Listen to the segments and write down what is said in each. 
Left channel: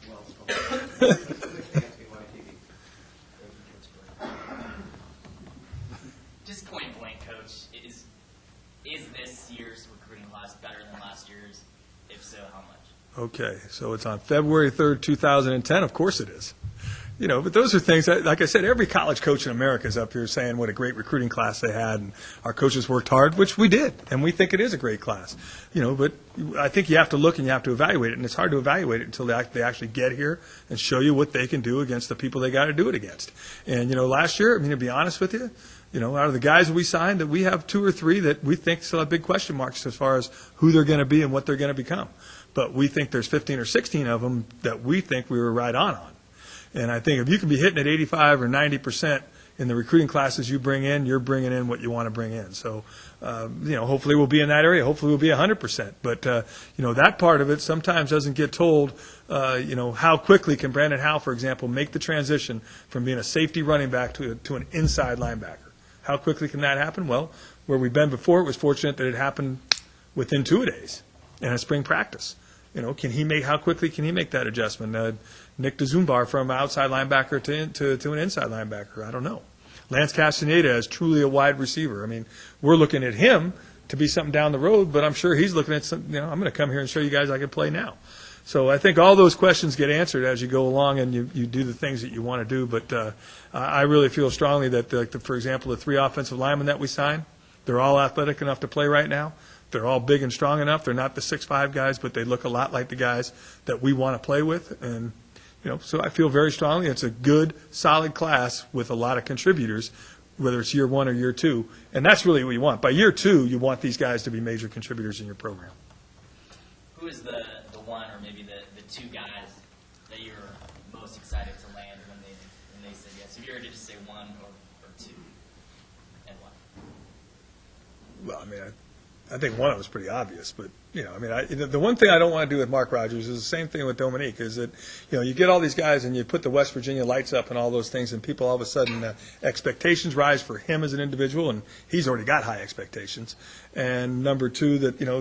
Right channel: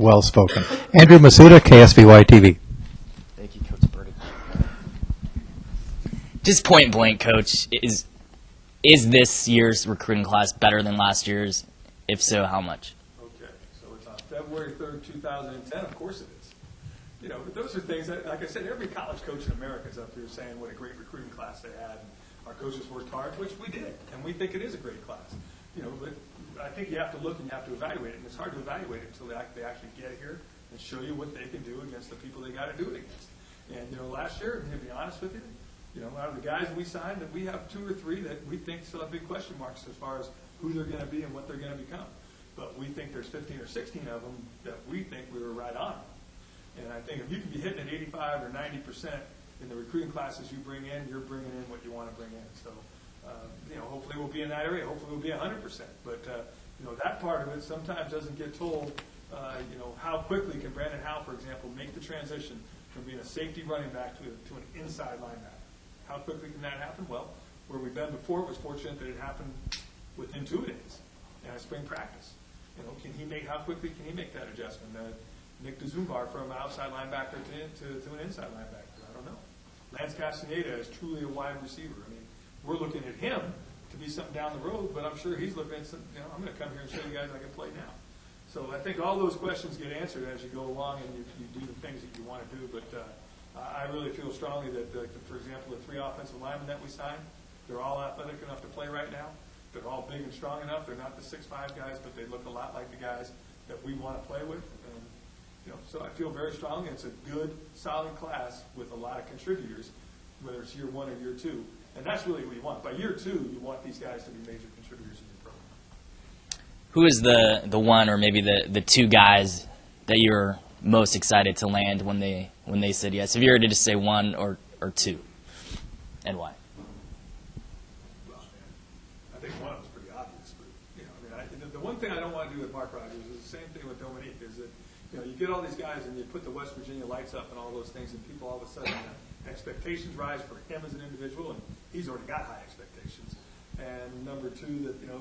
Well spoken. Andrew Masuda, KSVY TV. Thank you, Coach Burdick. Just point blank, Coach, is this year's recruiting class better than last year's? If so, how much? Okay, so it's on February 3rd, 2010. Of course it is. You know, but those are things that, like I said, every college coach in America is up here saying what a great recruiting class they had, and our coaches worked hard, which we did, and we think it is a great class. You know, but I think you have to look and you have to evaluate it, and it's hard to evaluate it until they actually get here and show you what they can do against the people they got to do it against. And, you know, last year, I mean, to be honest with you, you know, out of the guys that we signed, that we have 2 or 3 that we think still have big question marks as far as who they're going to be and what they're going to become. But we think there's 15 or 16 of them that we think we were right on. And I think if you can be hitting at 85 or 90% in the recruiting classes you bring in, you're bringing in what you want to bring in. So, you know, hopefully we'll be in that area. Hopefully we'll be 100%. But, you know, that part of it sometimes doesn't get told, you know, how quickly can Brandon Howe, for example, make the transition from being a safety running back to an inside linebacker. How quickly can that happen? Well, where we've been before, it was fortunate that it happened within 2 days in a spring practice. You know, how quickly can he make that adjustment? Nick DeZumbar from outside linebacker to an inside linebacker, I don't know. Lance Castaneda is truly a wide receiver. I mean, we're looking at him to be something down the road, but I'm sure he's looking at some, you know, I'm going to come here and show you guys I can play now. So I think all those questions get answered as you go along and you do the things that you want to do. But I really feel strongly that, for example, the 3 offensive linemen that we signed, they're all athletic enough to play right now. They're all big and strong enough. They're not the 6'5" guys, but they look a lot like the guys that we want to play with. And, you know, so I feel very strongly it's a good, solid class with a lot of contributors, whether it's year 1 or year 2. And that's really what you want. By year 2, you want these guys to be major contributors in your program. Who is the one or maybe the 2 guys that you're most excited to land when they said yes? If you were to just say 1 or 2, and why? Well, I mean, I think one of them was pretty obvious, but, you know, I mean, the one thing I don't want to do with Mark Rogers is the same thing with Dominique, is that, you know, you get all these guys and you put the West Virginia lights up and all those things, and people all of a sudden, expectations rise for him as an individual, and he's already got high expectations. And number 2, that, you know,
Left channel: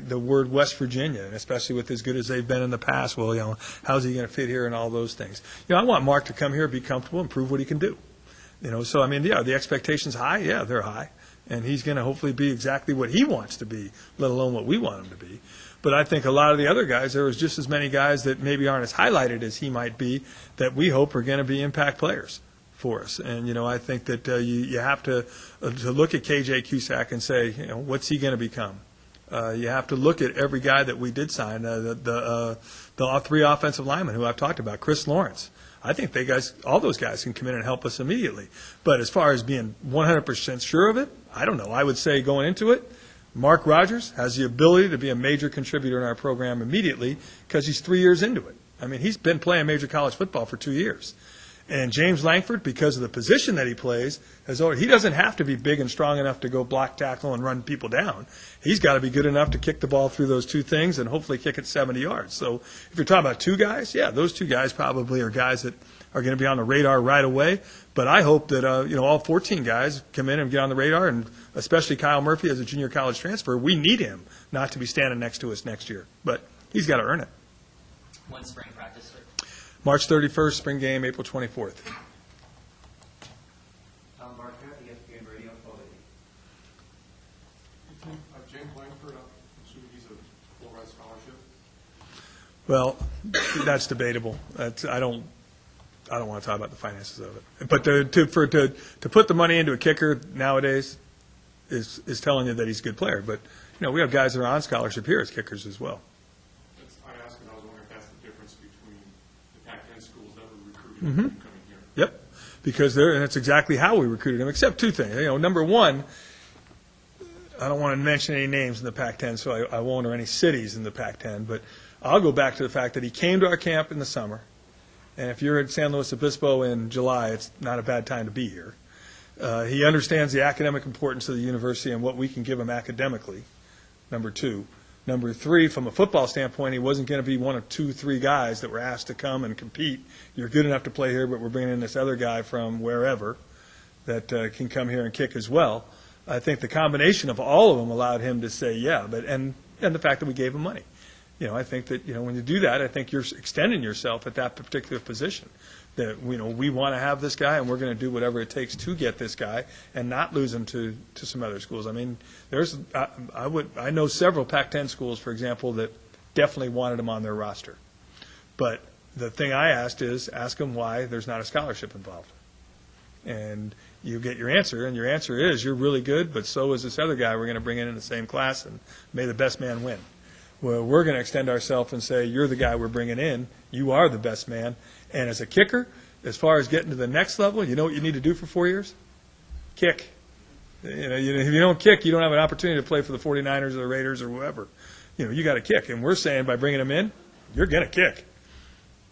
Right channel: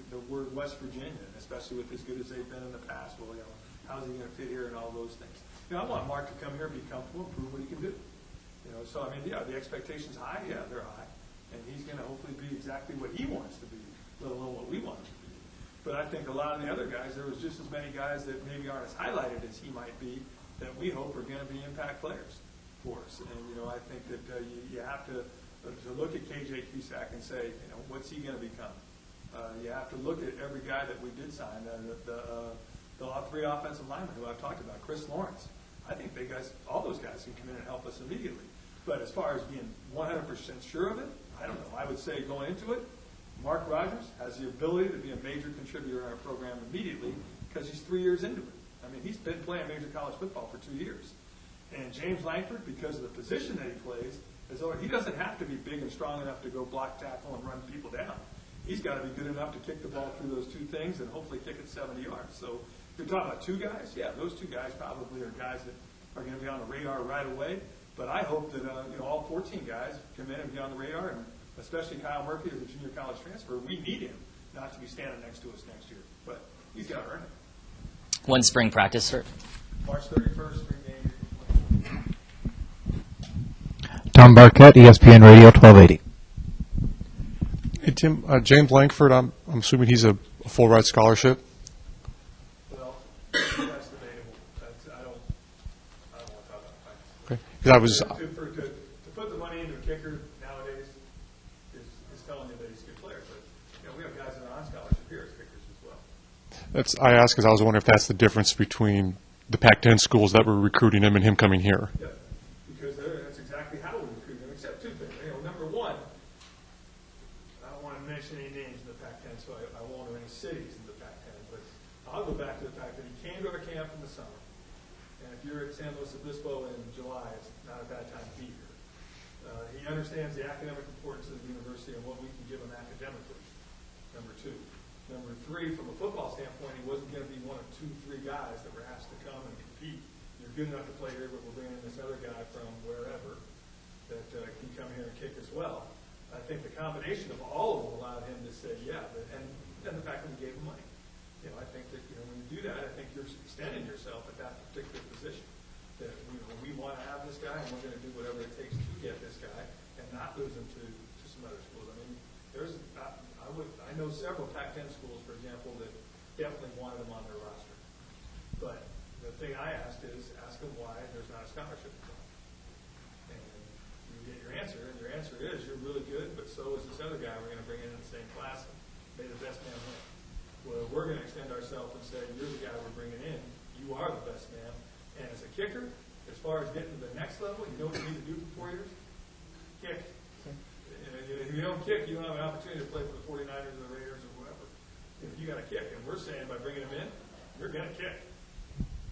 the word West Virginia, and especially with as good as they've been in the past, well, you know, how's he going to fit here and all those things. You know, I want Mark to come here, be comfortable, and prove what he can do. You know, so, I mean, yeah, the expectations high? Yeah, they're high. And he's going to hopefully be exactly what he wants to be, let alone what we want him to be. But I think a lot of the other guys, there was just as many guys that maybe aren't as highlighted as he might be that we hope are going to be impact players for us. And, you know, I think that you have to look at KJ Cusack and say, you know, what's he going to become? You have to look at every guy that we did sign, the 3 offensive linemen who I've talked about, Chris Lawrence. I think all those guys can come in and help us immediately. But as far as being 100% sure of it, I don't know. I would say going into it, Mark Rogers has the ability to be a major contributor in our program immediately because he's 3 years into it. I mean, he's been playing major college football for 2 years. And James Langford, because of the position that he plays, he doesn't have to be big and strong enough to go block, tackle, and run people down. He's got to be good enough to kick the ball through those 2 things and hopefully kick it 70 yards. So if you're talking about 2 guys, yeah, those 2 guys probably are guys that are going to be on the radar right away. But I hope that, you know, all 14 guys come in and get on the radar, and especially Kyle Murphy as a junior college transfer. We need him not to be standing next to us next year. But he's got to earn it. When's spring practice start? March 31st, spring game, April 24th. Tom Barquette, ESPN Radio 1280. Hey, Tim, James Langford, I'm assuming he's a full ride scholarship? Well, that's debatable. I don't want to talk about the finances of it. To put the money into a kicker nowadays is telling you that he's a good player. But, you know, we have guys that are on scholarship here as kickers as well. I asked because I was wondering if that's the difference between the Pac-10 schools that were recruiting him and him coming here. Yep, because and that's exactly how we recruited him, except 2 things. You know, number 1, I don't want to mention any names in the Pac-10, so I won't, or any cities in the Pac-10, but I'll go back to the fact that he came to our camp in the summer, and if you're at San Luis Obispo in July, it's not a bad time to be here. He understands the academic importance of the university and what we can give him academically, number 2. Number 3, from a football standpoint, he wasn't going to be one of 2, 3 guys that were asked to come and compete. You're good enough to play here, but we're bringing in this other guy from wherever that can come here and kick as well. I think the combination of all of them allowed him to say yeah, and the fact that we gave him money. I think that, when you do that, I think you're extending yourself at that particular position. That, we want to have this guy, and we're going to do whatever it takes to get this guy and not lose him to some other schools. I mean, I know several Pac-10 schools, for example, that definitely wanted him on their roster. But the thing I asked is, ask them why there's not a scholarship involved. And you get your answer, and your answer is, you're really good, but so is this other guy we're going to bring in the same class, and may the best man win. Well, we're going to extend ourselves and say, you're the guy we're bringing in, you are the best man, and as a kicker, as far as getting to the next level, you know what you need to do for 4 years? Kick. If you don't kick, you don't have an opportunity to play for the 49ers or the Raiders or whoever. You got to kick, and we're saying by bringing him in, you're going to kick.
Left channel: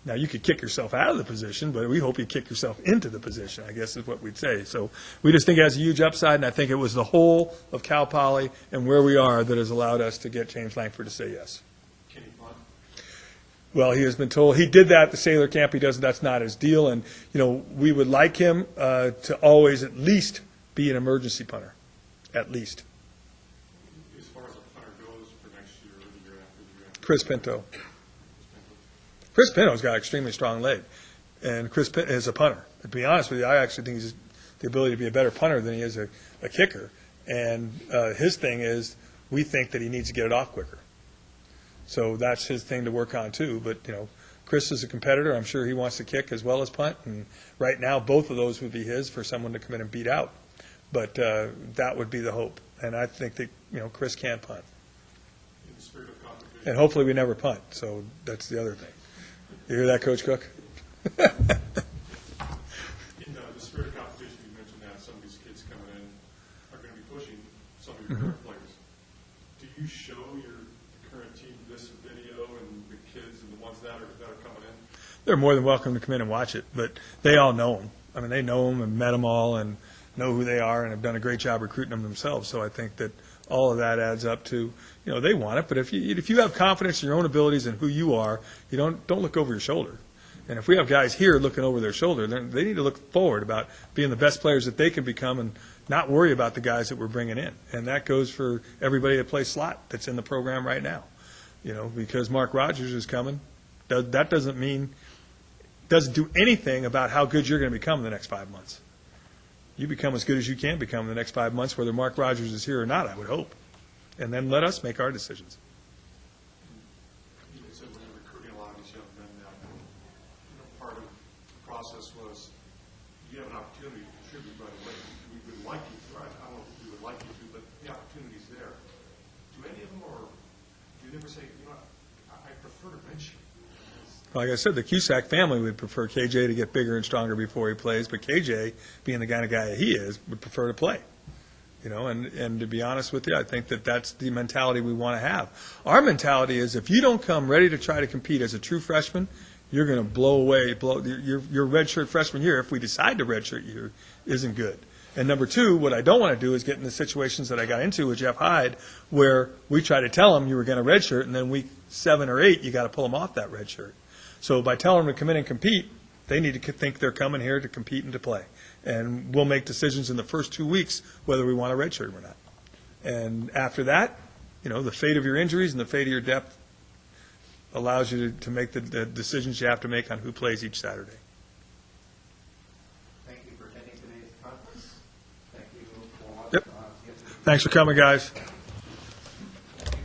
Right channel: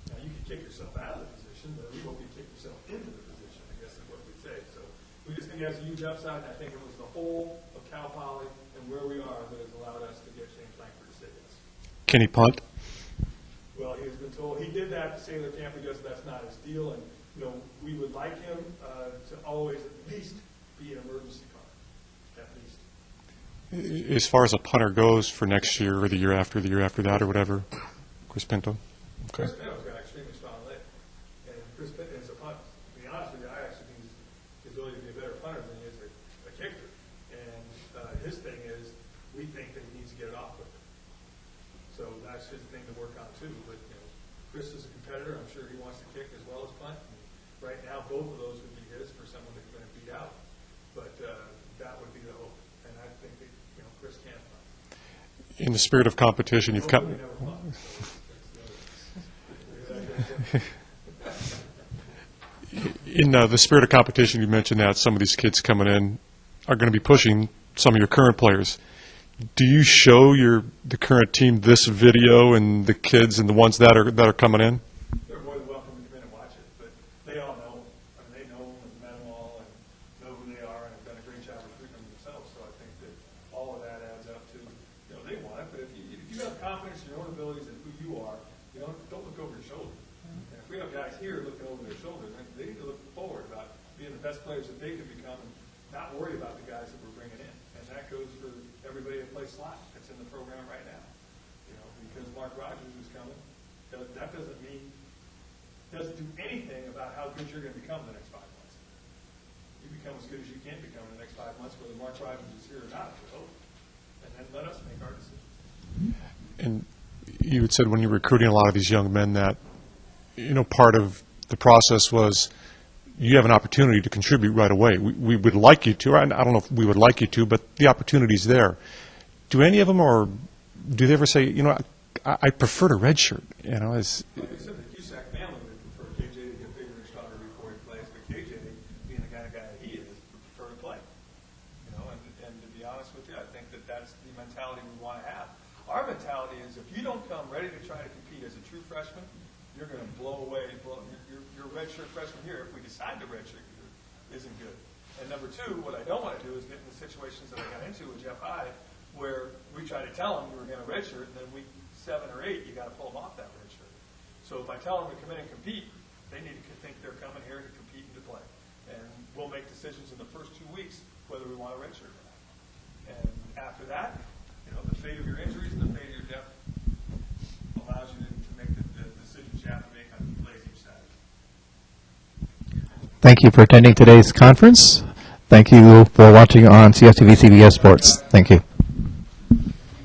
Now, you could kick yourself out of the position, but we hope you kick yourself into the position, I guess is what we'd say. So we just think it has a huge upside, and I think it was the whole of Cal Poly and where we are that has allowed us to get James Langford to say yes. Can he punt? Well, he has been told he did that at the Sailor Camp. He doesn't. That's not his deal. And we would like him to always at least be an emergency punter, at least. As far as a punter goes for next year or the year after that Chris or whatever. Pinto. Chris Pinto. Chris Pinto's got an extremely strong leg, and Chris Pinto is a punter. To be honest with you, I actually think he's the ability to be a better punter than he is a kicker. And his thing is, we think that he needs to get it off quicker. So that's his thing to work on too. But Chris is a competitor. I'm sure he wants to kick as well as punt. And right now, both of those would be his for someone to come in and beat out. But that would be the hope. And I think that Chris can punt. In the spirit of competition. And hopefully we never punt. So that's the other thing. You hear that, Coach Cook? In the spirit of competition, you mentioned that some of these kids coming in are going to be pushing some of your current players. Do you show the current team this video and the kids and the ones that are coming in? They're more than welcome to come in and watch it, but they all know them. I mean, they know them and met them all and know who they are and have done a great job recruiting them themselves. So I think that all of that adds up to, they want it. But if you have confidence in your own abilities and who you are, you don't look over your shoulder. And if we have guys here looking over their shoulder, they need to look forward about being the best players that they can become and not worry about the guys that we're bringing in. And that goes for everybody that plays slot that's in the program right now. Because Mark Rogers is coming, that doesn't do anything about how good you're going to become in the next 5 months. You become as good as you can become in the next 5 months, whether Mark Rogers is here or not, I would hope. And then let us make our decisions. And you had said when you were recruiting a lot of these young men that, part of the process was you have an opportunity to contribute right away. We would like you to. I don't know if we would like you to, but the opportunity's there. Do any of them, or do they ever say, I prefer to redshirt? Like I said, the Cusack family would prefer KJ to get bigger and stronger before he plays, but KJ, being the kind of guy he is, would prefer to play. And to be honest with you, I think that that's the mentality we want to have. Our mentality is if you don't come ready to try to compete as a true freshman, you're going to blow your redshirt freshman year, if we decide to redshirt you, isn't good. And number two, what I don't want to do is get in the situations that I got into with Jeff Hyde, where we try to tell him you were going to redshirt, and then week 7 or 8, you got to pull them off that redshirt. So by telling them to come in and compete, they need to think they're coming here to compete and to play. And we'll make decisions in the first 2 weeks whether we want to redshirt or not. And after that, the fate of your injuries and the fate of your depth allows you to make the decisions you have to make on who plays each Saturday. Thank you for attending today's conference. Thank you for watching on CSTV CBS Thanks for coming, Sports. guys. Thank you.